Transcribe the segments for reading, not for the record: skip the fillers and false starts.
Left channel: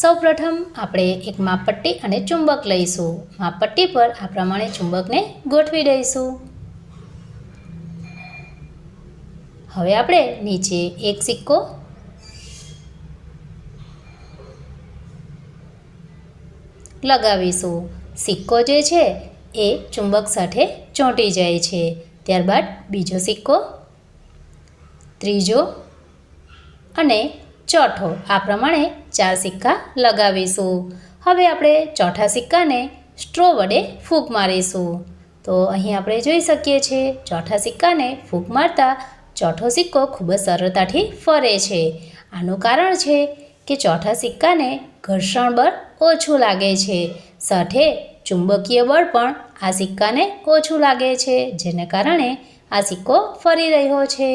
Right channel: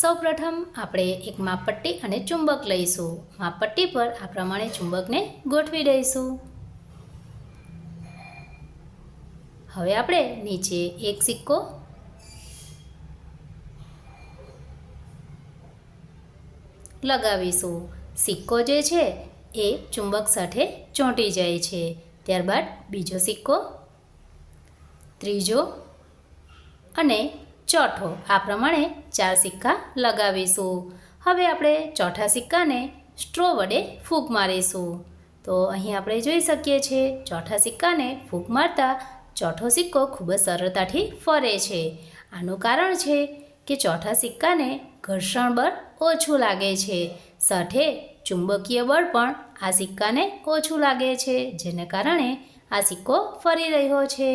સૌપ્રથમ આપણે એક માપપટ્ટી અને ચુંબક લઈશું. માપપટ્ટી પર આ પ્રમાણે ચુંબકને ગોઠવી દઈશું. હવે આપણે નીચે એક સિક્કો લગાવીશું. સિક્કો જે છે એ ચુંબક સાથે ચોંટી જાય છે. ત્યારબાદ બીજો સિક્કો, ત્રીજો અને ચોથો, આ પ્રમાણે 4 સિક્કા લગાવીશું. હવે આપણે ચોથા સિક્કાને સ્ટ્રો વડે ફૂંક મારીશું. તો અહીં આપણે જોઈ શકીએ છીએ ચોથા સિક્કાને ફૂંક મારતા ચોથો સિક્કો ખૂબ જ સરળતાથી ફરે છે. આનું કારણ છે કે ચોથા સિક્કાને ઘર્ષણ બળ ઓછું લાગે છે, સાથે ચુંબકીય બળ પણ આ સિક્કાને ઓછું લાગે છે, જેને કારણે આ સિક્કો ફરી રહ્યો છે.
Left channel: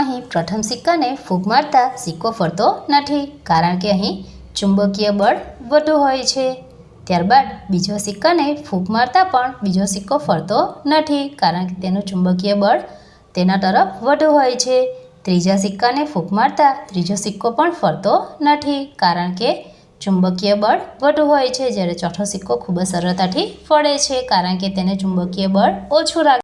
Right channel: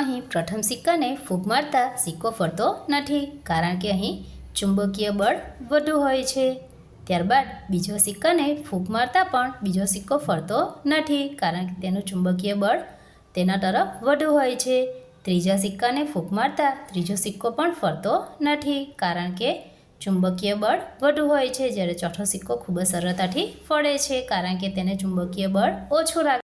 અહીં પ્રથમ સિક્કાને ફૂંક મારતા સિક્કો ફરતો નથી, કારણ કે અહીં ચુંબકીય બળ વધુ હોય છે. ત્યારબાદ બીજો સિક્કાને ફૂંક મારતા પણ બીજો સિક્કો ફરતો નથી, કારણ કે તેનું ચુંબકીય બળ તેના તરફ વધુ હોય છે. ત્રીજા સિક્કાને ફૂંક મારતા ત્રીજો સિક્કો પણ ફરતો નથી, કારણ કે ચુંબકીય બળ વધુ હોય છે. જ્યારે ચોથો સિક્કો ખૂબ જ સરળતાથી ફરે છે, કારણ કે તેને ચુંબકીય બળ ઓછું લાગે